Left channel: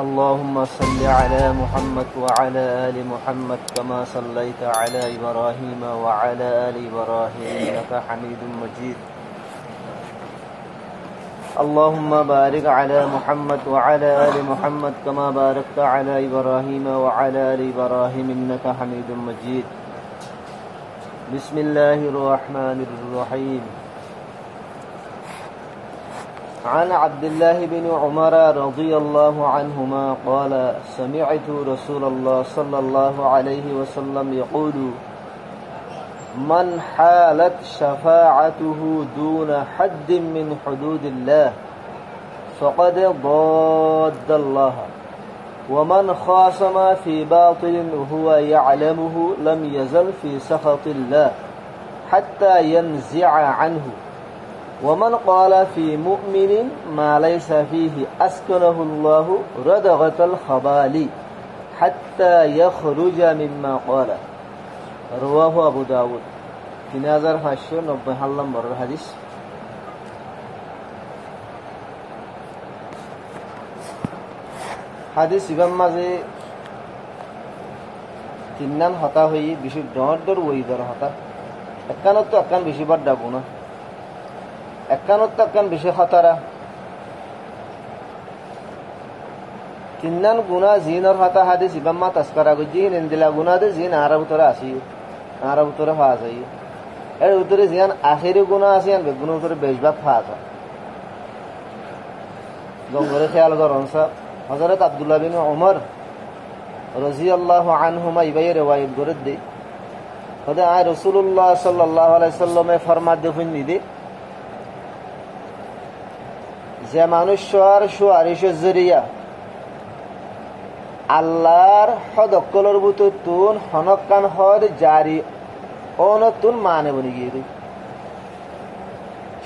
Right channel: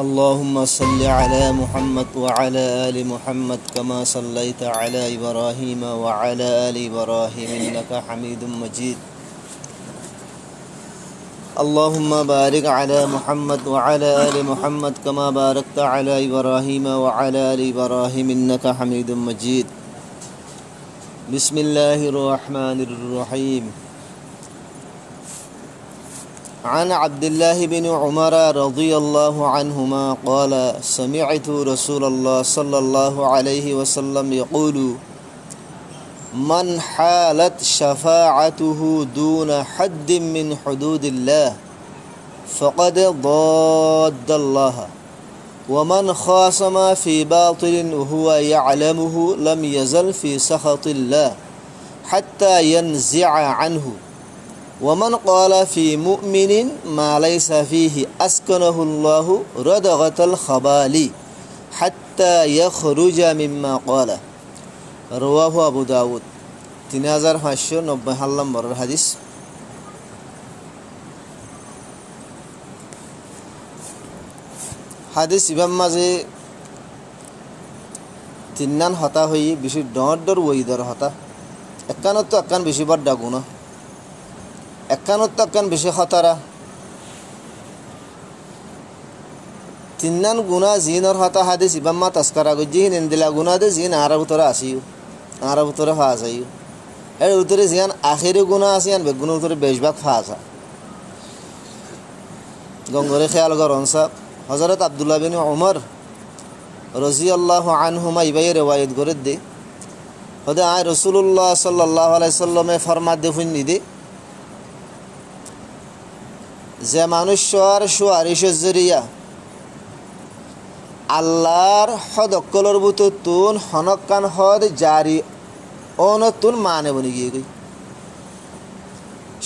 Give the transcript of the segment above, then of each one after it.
اللهم صل على محمد وعلى آل محمد كما صليت على إبراهيم وعلى آل إبراهيم إنك حميد مجيد. اللهم بارك على محمد وعلى آل محمد كما باركت على إبراهيم وعلى آل إبراهيم إنك حميد مجيد. بسم الله الرحمن الرحيم. عن عبد الله بن عمر رضي الله عنهما قال سمعت رسول الله صلى الله عليه وسلم يقول من حالت شفاعته دون حد من حدود الله فقد ضاد الله ومن خاصم في باطل وهو يعلمه لم يزل في سخط الله حتى ينزع عنه ومن قال في مؤمن ما ليس فيه أسكنه الله ردغة الخبال حتى يخرج مما قال. رواه أبو داود 3590 নম্বর হাদিস। হাদিস ইমাম মাঝে তিননান হতা হই বেশি ডর ওইদর হতা একানত একান বেশি বার ডাগুন একানত একান বেশি খতরা তিননান গুণা জিনর হতা হাদিস ইমাম মা তাস্কারা গজি নিন্দিলা গুণা দে জিন আরব তোরা আসিও আরব তোরা ফা যাইও এর উত্তরে জিয়ান আখেরি গুণা আসিয়ান বে গুণা উত্তরে বেশভাগ ফা যা গঙ্গরে খেয়াল করন সব হযরত আব্দুল্লাহ বিন উমর রাদিয়াল্লাহু আনহুমা ইবাই riwayat করে দে খোদা আয় রাসূলুল্লাহ সাল্লাল্লাহু আলাইহি সাল্লামে ফরমাত দেফিন নিদে যে মানুষের সুয়ারিশের জরিয়া আল্লাহর হদ অকলর বুতুন হনকান হদ জারি অনতুন মানে বলি গিয়ে গই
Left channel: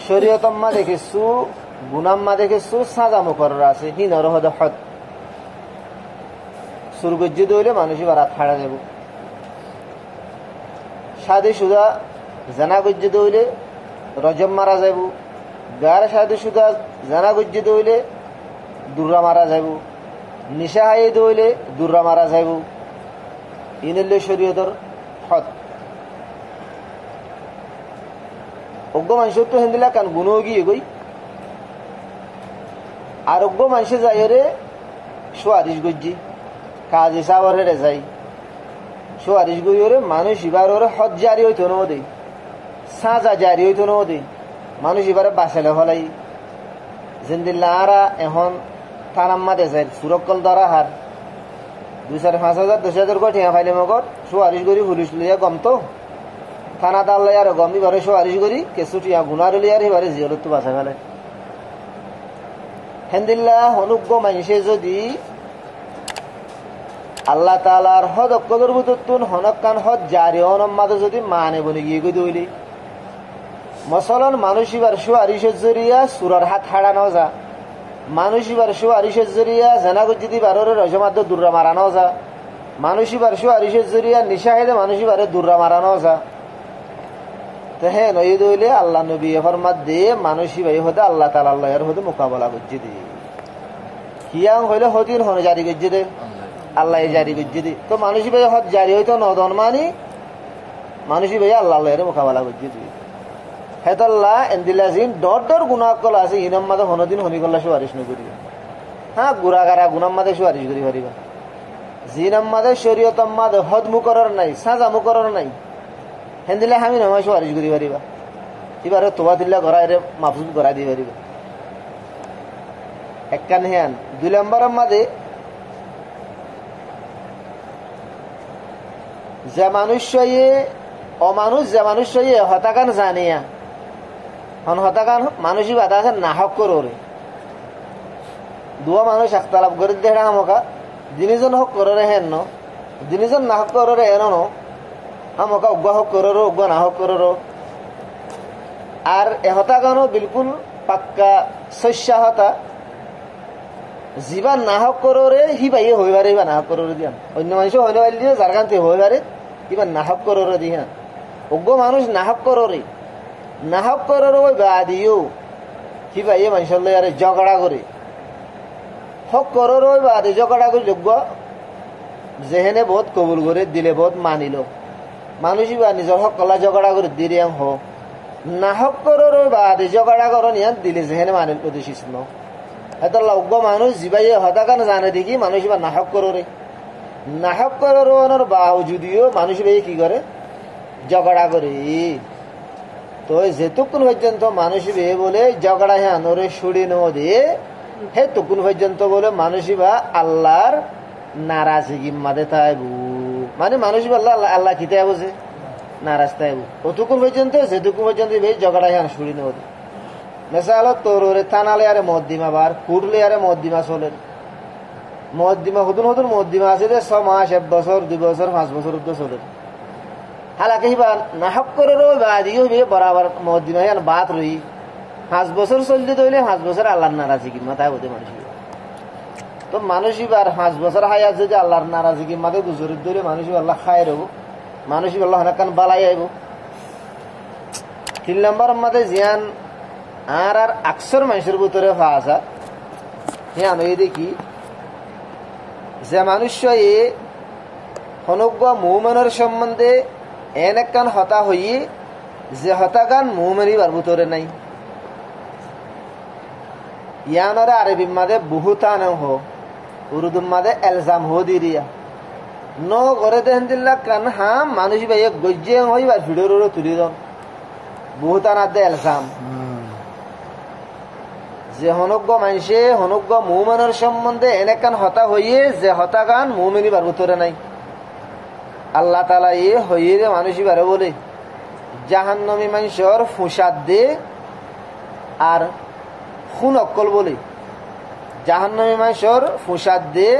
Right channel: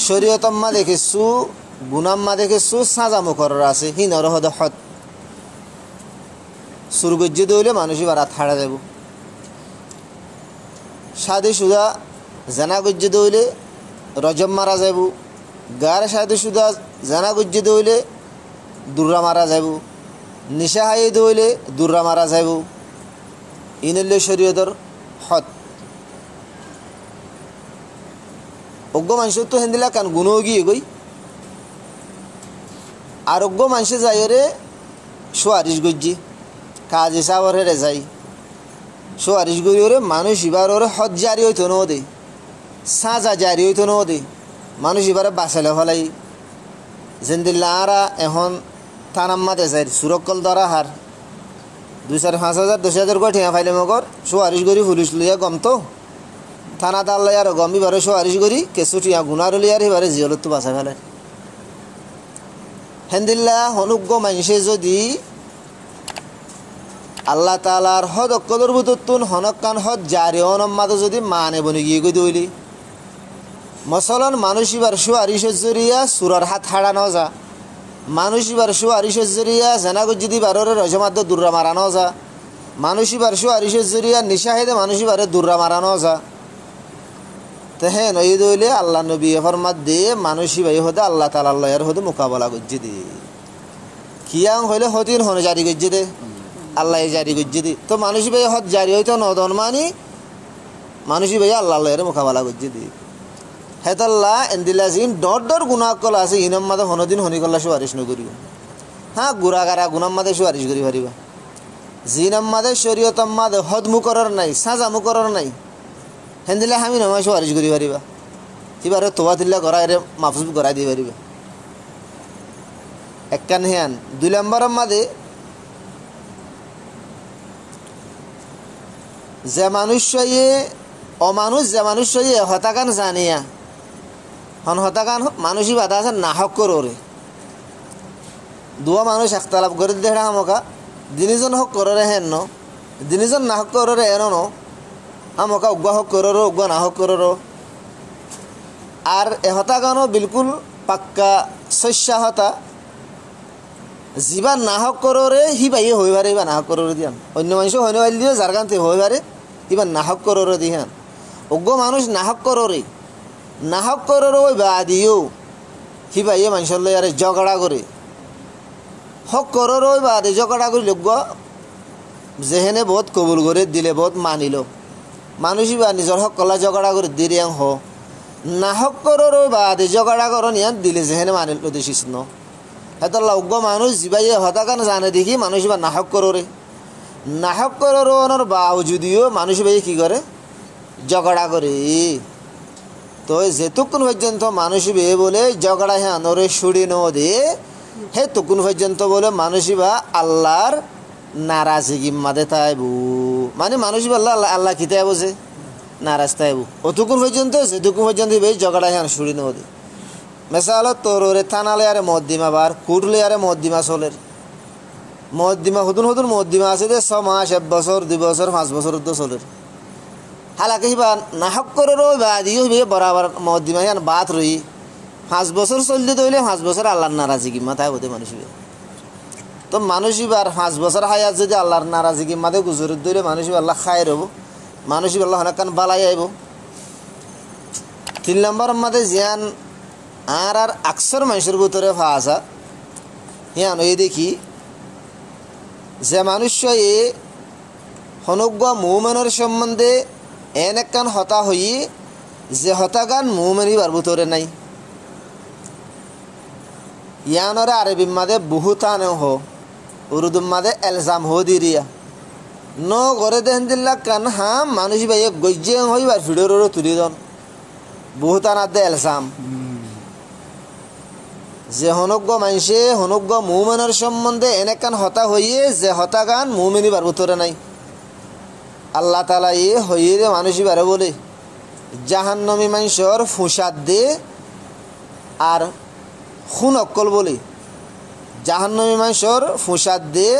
শরীয়তম্মা দেখেছু গুনাম্মা দেখেছু সাজা মুকরর আছে হিনর হদ হদ সুরগজ্জি দইলে মানুষই বারাত হারা যাব শাদি সুদা জানা গজ্জি দইলে রজম মারা যাব গার শাদি সুদা জানা গজ্জি দইলে দুর্রা মারা যাব নিশা হাই দইলে দুর্রা মারা যাব ইনলে শরীয়তর হদ অজ্ঞ মানুষ তো হেন্দিলা কান গুণও গিয়ে গই আরোগ্য মানুষে যাই রে সুয়ারিশ গজ্জি কাজ হিসাবরে রে যাই সুয়ারিশ গই ওরে মানুষ এবার ওরে হদ জারি হইতো না দে সাজা জারি হইতো না দে মানুষ এবারে বাঁচালে ফলাই জিন্দিল্লা আরা এখন থানাম্মা দেশাই সুরক্ষল দ্বারা হার 2,000-5,000 10,000 করে ঠিয়া ফাইলে মগর সুয়ারিশ গরি পুলিশ লইয়া গম তো থানা তাল্লাই আর গমি বারে সুয়ারিশ গরি কেসু টিয়া গুনার লিয়ার এবারে জিয়লত তো বাঁচা ফেলে হেন্দিল্লা হনুজ্ঞ মানুষে যদি আল্লাহ তাআলার হদ অকদর বুতুন হনকান হদ জারি অনম্মাদে যদি মানে বনি গিয়ে গই দইলি মসলন মানুষ এবার সুয়ারিশের জরিয়া সুরার হাত হারানো যা মানুষ এবার সুয়ারিশের জরিয়া জানাগত যদি বারোরে রজমাদ্দ দুর্রা মারানো যা মানুষ এবার সুয়ারিশের জরিয়া নিশাহেদে মানুষ এবারে দুর্রা মারানো যা তো হ্যাঁ নই দইলে আল্লাহ নবী ফরমাত দে মানুষই ভাই হতে আল্লাহ তাআলা এর হতে মোকাবেলা করছে দে কিয়াং হইলে হতিন হন জারি করছে দে আল্লাহ জারি করছে দে তো মানুষই ভাই হত জারি হইতো নদন মানি মানুষই ভাই আল্লাহ এর মোকাবেলা করছে দে হেতাল্লাহ এন্দিলাজিন ডর গুনাহ কল আছে ইনাম্মাদে হনদিন হনি কল্লা সুয়ারিশ নগরিব হ্যাঁ গুরাগারা গুনাম্মাদে সুয়ারিশ করি পারিবা জিনাম্মাদে শরীয়তম্মাদে হদ মুকরর নাই সাজা মুকরর নাই হেন্দিলে আমি নয় সুয়ারিশ করি পারিবা এবারে তোয়া দিল্লা করা এর মাফজুব করা দিয়ে পারিবা একখান হেয়ান 2 নম্বরের মাদে যে মানুষ অমানুষ যে মানুষ হতাকান জানিয়া হন হতাকান মানুষই বাধা আছে নাহক করে দুয়া মানুষ একতালাপ করে দেড়া আমকা দিনজন হক করে হেন দিনজন নাহক করে হেন আমকা উগ্র হক করে উগ্র নাহক করে আর এ হতাকানও বিলকুল পাক্কা শস্য হতা যিবা নাহক করে হিবাই হই পারে বা নাহক করে দিয়ান অন্য মানুষ হইন দিয়ে যার কান্তে হই পারে ইবা নাহক করে দিহান উগ্র মানুষ নাহক করে ওই বা দিও হিবাইয়ে মানুষের লই আরে ঝগড়া করে হক করর বাদে ঝগড়া করি লোক যেহেনে বহুত কবুল করে দিলে বহুত মানিল মানুষই বা নিজের হক কলা ঝগড়া করে দিরিয়াং হ না হক করর বাদে ঝগড়া করন ইয়ান দিলে যেহেনে মানিল উদ্দেশ্য ন এত লগ্য মানুষ জিবাইয়ে হতাকান জানে দেখি মানুষ বা নাহক কররে নাহক করর বাউ যদিও মানুষ ভাই কি করে ঝগড়া করে তো যেতক্ষণ পর্যন্ত মানুষ বে বলে ঝগড়া হ্যাঁ নরে সুড়ি ন দে হে তখন পর্যন্ত বলে মানুষই বা আল্লাহর নারাজগি মাদে তাইবু মানে মানুষ বললো আল্লাহ আল্লাহ কিতে বুঝে নারাজ তাইবু অতক্ষণ পর্যন্ত যেতক্ষণ পর্যন্ত বে ঝগড়া হ্যাঁ সুড়ি ন দে মেসাল তোরে থানালে আরে মদ্দিমা বার কুটলে আরে মদ্দিমা চলের মদ্দিমা নতুন নতুন মদ্দিমা আছে যে 6 মাস 1 বছর 2 বছর 5 বছর চলের হালাকে হিবা নাহক করো বাদিও বে বরাবর মদ্দিমা ইয়ান বাত রই 5 বছর চলতে দইলে 5 বছর আল্লাহর নারাজগি মাথায় হতে মানুষ তো মানুষই বার 5 বছর হায়াত যদি আল্লাহর নারাজগি মাথায় গুজরে দইলে মানুষই আল্লাহ খায় রব মানুষই আল্লাহ হানাকান বালাই আইব 3 নম্বর মাঝে জিয়ান আর আকসর মানুষের ভিতরে ফাঁসা হিয়ান এই দেখি যে মানুষ হনজ্ঞ মৌমানের সম্বন্ধে এন একখান হতা হই যে হতাগান মৌমানিবার ভিতরে নাই ইয়ানরে আরবি মাদে বহুতান হো উর্দু মাদে এলজাম হো দিরিয়া ন ঘরে দেন দিল্লা কান হা মানুষ ভাই গজ্জে হইবার ভিডিওর তুলি দন বহুতান আদে এলজাম যে হনজ্ঞ মানুষে হনজ্ঞ মৌমানের সম্বন্ধে এনেকান হতা হইয়ে যে হতাগান মৌমিনিবার ভিতরে নাই আল্লাহ তাআলা হইয়ে মানুষই বারে বলে জাহান্নামী মানুষের ফুসাদ দে আর খুন অক্কল বলে জাহান্নামী মানুষের ফুসাদ দে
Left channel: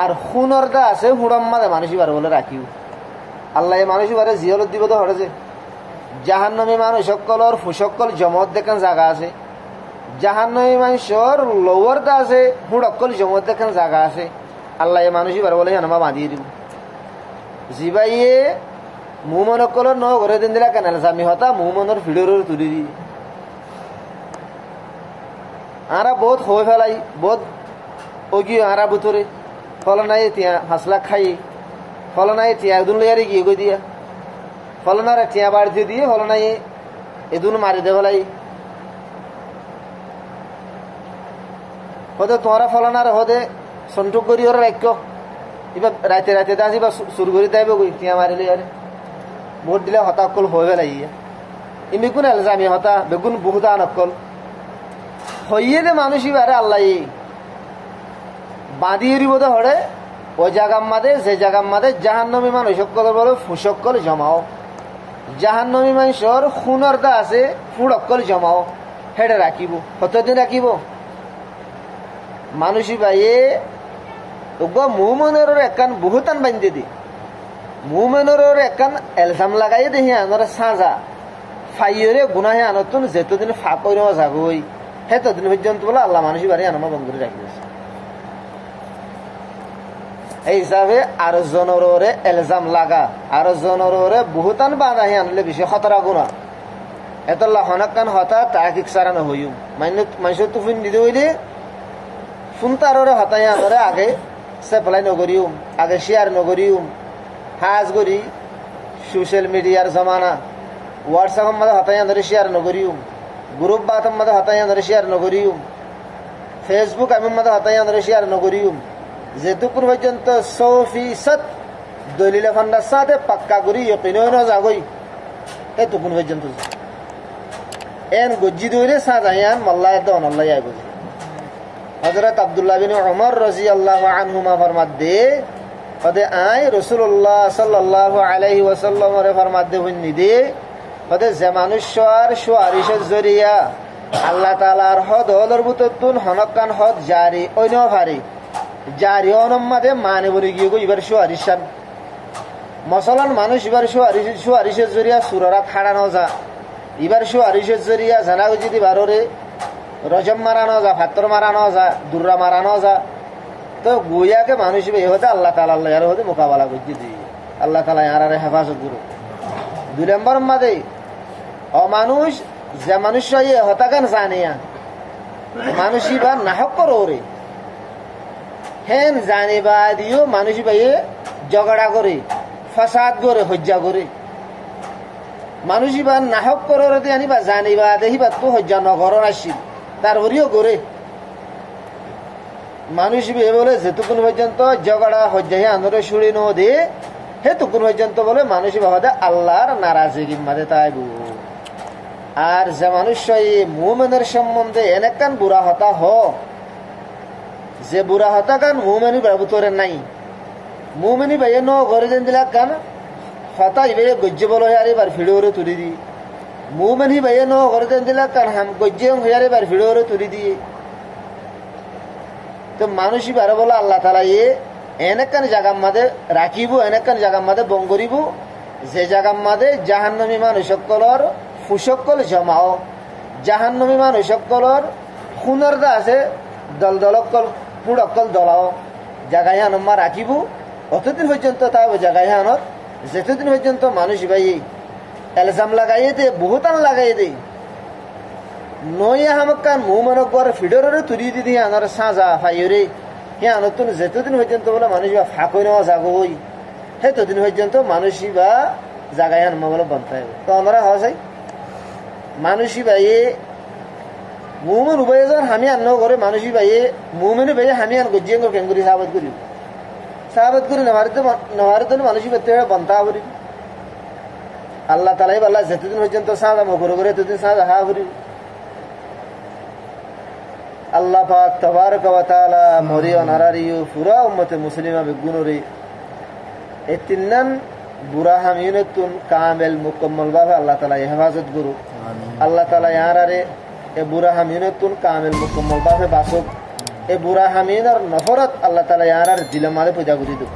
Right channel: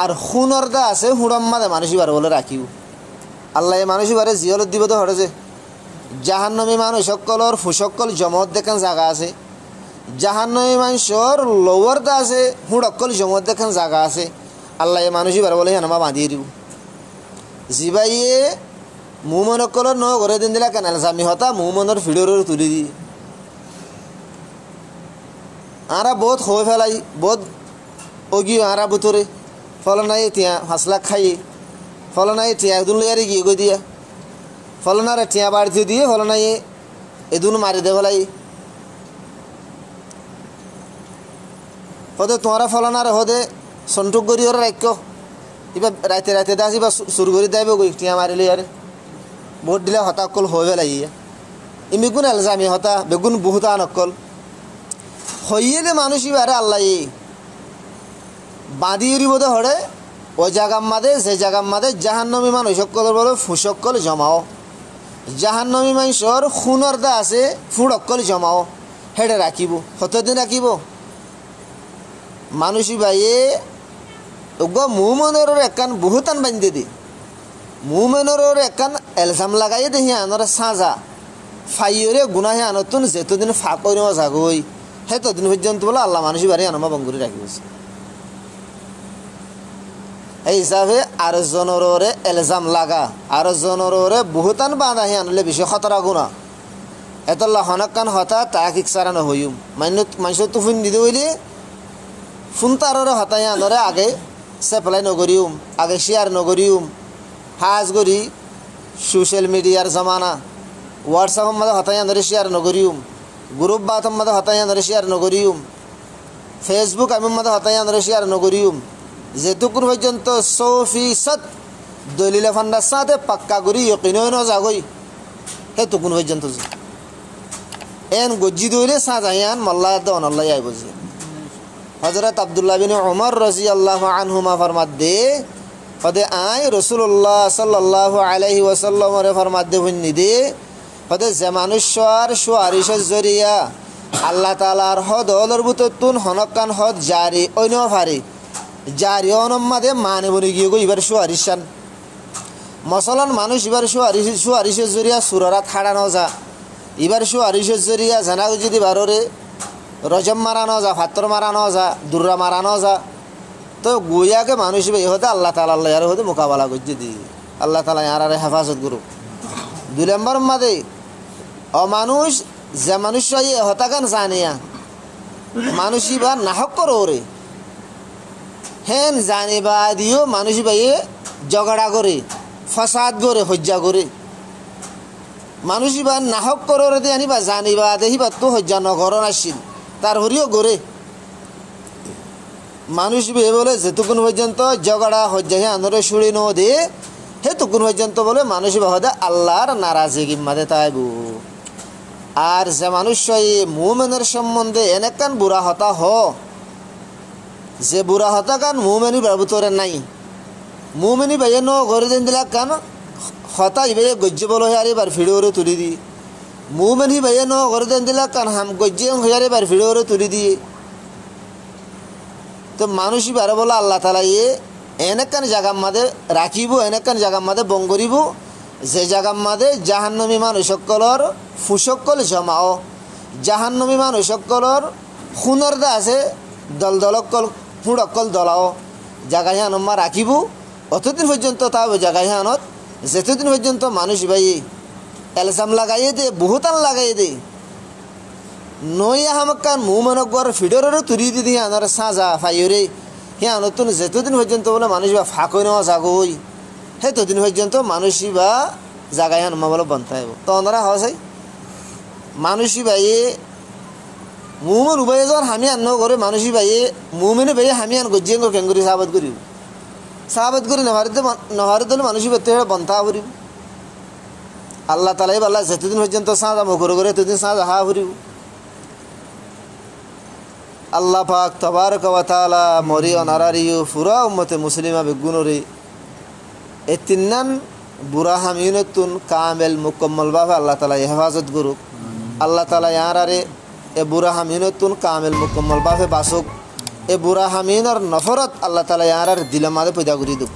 আর খুনর দা আছে হুড়াম মাদে মানুষই বারে বলে রাখিব আল্লাহ এই মানুষই বারে জিয়লত দিব তো হরে যে জাহান্নামী মানুষ সকলের ফুসকল জমত দেখেন জায়গা আছে জাহান্নামী মানুষের লোয়ার দা আছে হুড়কল জমত দেখেন জায়গা আছে আল্লাহ মানুষই বারে বলে হানামা বাঁধিয়ে দিব জিবাইয়ে মুমনকলর ন ঘরে দিন দিলা কেন জামি হতা মুমনের ভিডিওর তুলি দি আরা বহুত হয়ে ফেলাই বহুত অগিয়ে আরা বুতরে ফল নাই টিয়া 5 লাখ খাই ফল নাই টিয়া একদিন লইয়ারে গিয়ে গই দিয়া ফল না রে টিয়া বাড়ি দিয়ে ফল নাই এদিন মারি দে ফেলাই হদে তোরা ফলানার হদে সন্টুক করি ওরা রাখ্য এবার রাতে রাতে দাসি বা শুরু করে দেবে গই টিয়া মারিলে আরে ভোট দিলে হতাকল হয়ে ফেলাইয়া এমনি কোন এলজামি হতা বেগুন বহুতা নকল হইয়ে দে মানুষই বারে আল্লাহ বাঁধিয়ে বোধে হরে ওই জায়গার মাদে যে জায়গার মাদে জাহান্নামী মানুষ সকল বলো ফুসকল জমাও জাহান্নামী মানুষের খুনের দা আছে ফুড়কল জমাও হেডে রাখিব কতদিন রাখিব মানুষই বাইয়ে মুমনের একান বহুতান বান্ধে দি মুমনের একান এলজাম লাগাই দেখি আনর সাজা ফাইয়রে গুনাহে আনতুন যেতদিন ফাঁকই নেওয়া যাগই সেতদিন পর্যন্ত বলে আল্লাহ মানুষই বাড়ি আনমা বঙ্গুরি রাখিব এই হিসাবে আর জনরে এলজাম লাগা আর জনরে বহুতান বাঁধাহি আনলে বেশি খতরা গুণা এতল্লা হনাকান হতা তাকিক সারানো হইম মানুষের তো ফোন দিতে হইলে ফোন তাররে হতাই আনরে আগে সেপ্লাই নগরিউম আগে শেয়ার নগরিউম হাজ করি সোশ্যাল মিডিয়ার জমানা হোয়াটসঅ্যাপের মধ্যে হতাই আনরে শেয়ার নগরিউম গ্রুপ বাথের মধ্যে হতাই আনরে শেয়ার নগরিউম ফেসবুক আমির মধ্যে হতাই আনরে শেয়ার নগরিউম যেটুকুন পর্যন্ত 100% দলিলে ফান্ডার সাথে পাক্কা করি ইয়কিন যাগই সেটুকুন পর্যন্ত এন গজ্জি দইলে সাজাইয়ান মাল্লাহ দন আল্লাহ আই বুঝি হযরত আব্দুল্লাহ বিন উমর রাদিয়াল্লাহু আনহুমা ফরমাত দে পদে আই রাসূলুল্লাহ সাল্লাল্লাহু আলাইহি ওয়াসাল্লাম রে ফরমাত দে হইনি দে পদে যে মানুষর সুয়ারিশের জরিয়া আল্লাহ তাআলার হদলর বুততুন হনকান হদ জারি অন্য ফারি জারি অনমাদে মানে বলি গিয়ে গো এবার সুয়ারিশান মসলান মানুষ এবার সুয়ারিশের জরিয়া সুরারা খাড়ানো যা এবার সুয়ারিশের জরিয়া জানা যদি বাররে রজম মারানো যা ফাত্তর মারানো যা দুর্রা মারানো যা তো গুয়াকে মানুষ হতে আল্লাহ তাআলা আল্লাহ আর হতে মোকাবেলা করছে দিয়ে আল্লাহ তাআলা আর হেফাজত করুক 2 নম্বর মাদে অমানুষ যে মানুষ হতাকান জানিয়া মানুষই বা নাহক করে হেন জানিবা দিও মানুষ ভাইয়ে ঝগড়া করে ফসাদ করে হজ্জা করে মানুষ বা নাহক করে দিয়ে আনিবা জানিবা দেখিবা তো হজ্জা নগর আসছিল তার হরিও করে মানুষ বিয়ে বলে যেটুকুন পর্যন্ত ঝগড়া হজ্জা হে আন্দোলন শুড়ে ন দে হে টুকুন পর্যন্ত বলে মানুষ বাহদে আল্লাহর নারাজগি মাদে তাইব আর যে মানুষ মুমেনের সম্বন্ধে এনেকান বুড়া হতা হ যে বুড়া হতা কান মুমেনি বাবুতরে নাই মুমেনি ভাইয়ে ন ঘরে দেন দিলা কান হতা ভাইয়ে গজ্জে বলো হে আরেবার ভিডিওরে তুলি দি মুমেনি ভাইয়ে ন ঘরে দেন দিলা কান হাম গজ্জে হয়ে আরেবার ভিডিওরে তুলি দিয়ে তো মানুষই বারে বলে আল্লাহ তালা এনেকান জায়গার মাঝে রাখিব এনেকান জায়গার মাঝে বং করিব যে জায়গার মাঝে জাহান্নমী মানুষসকলর ফুসকল জমাও জাহান্নমী মানুষসকলর খুনরদা আছে দল দলকল ফুড়কল দলাও জায়গায় হানম্মা রাখিব অতদিন পর্যন্ত তাও জায়গায় হানত যেতদিন পর্যন্ত মানুষ ভাই এলজাম লাগাইয়ে দে বহুতান লাগাইয়ে দে নয়া হামকান মুমানকর ফিডরের তুলি দিদি আনার সাজা ফাইরে হে নতুন যেতদিন পর্যন্ত বলে মানুষ বা ফাঁকই নেওয়া জাগই হে তদিন পর্যন্ত মানুষই বা জাগায় আনমা বলে বন্তাইব তো ওনারা হসাই মানুষই বাইয়ে মুমন উভয় জন হামি আন্ন করে মানুষই বাইয়ে মুমিনি বাইয়ে হামি আন গজিয়ে কেঙ্গুরি সাহাবত করি নহারে তো মানুষই বেতে বন্তা করিব আল্লাহ তালাই বল্লা যেতদিন পর্যন্ত সাজা মুখ করে এতদিন সাজা হা করিব আল্লাহ পাক তবারক ওয়া তাআলা মরি অনারারিও পুরা উম্মতে মুসলিমা বেগুনরে এই তিননান বুড়া হামিনতুন কামেল মুকম্মল ভাবে আল্লাহ তাআলা হেফাজত করুক আল্লাহ তাআলা ইয়ারারে এ বুড়া হামিনতুন কামেল মুকম্মল ভাবে বাসুক এ বুড়া হামিনর নফরত আল্লাহ তাআলা ইয়ারার দিলের মাঝে পয়দা করে দিক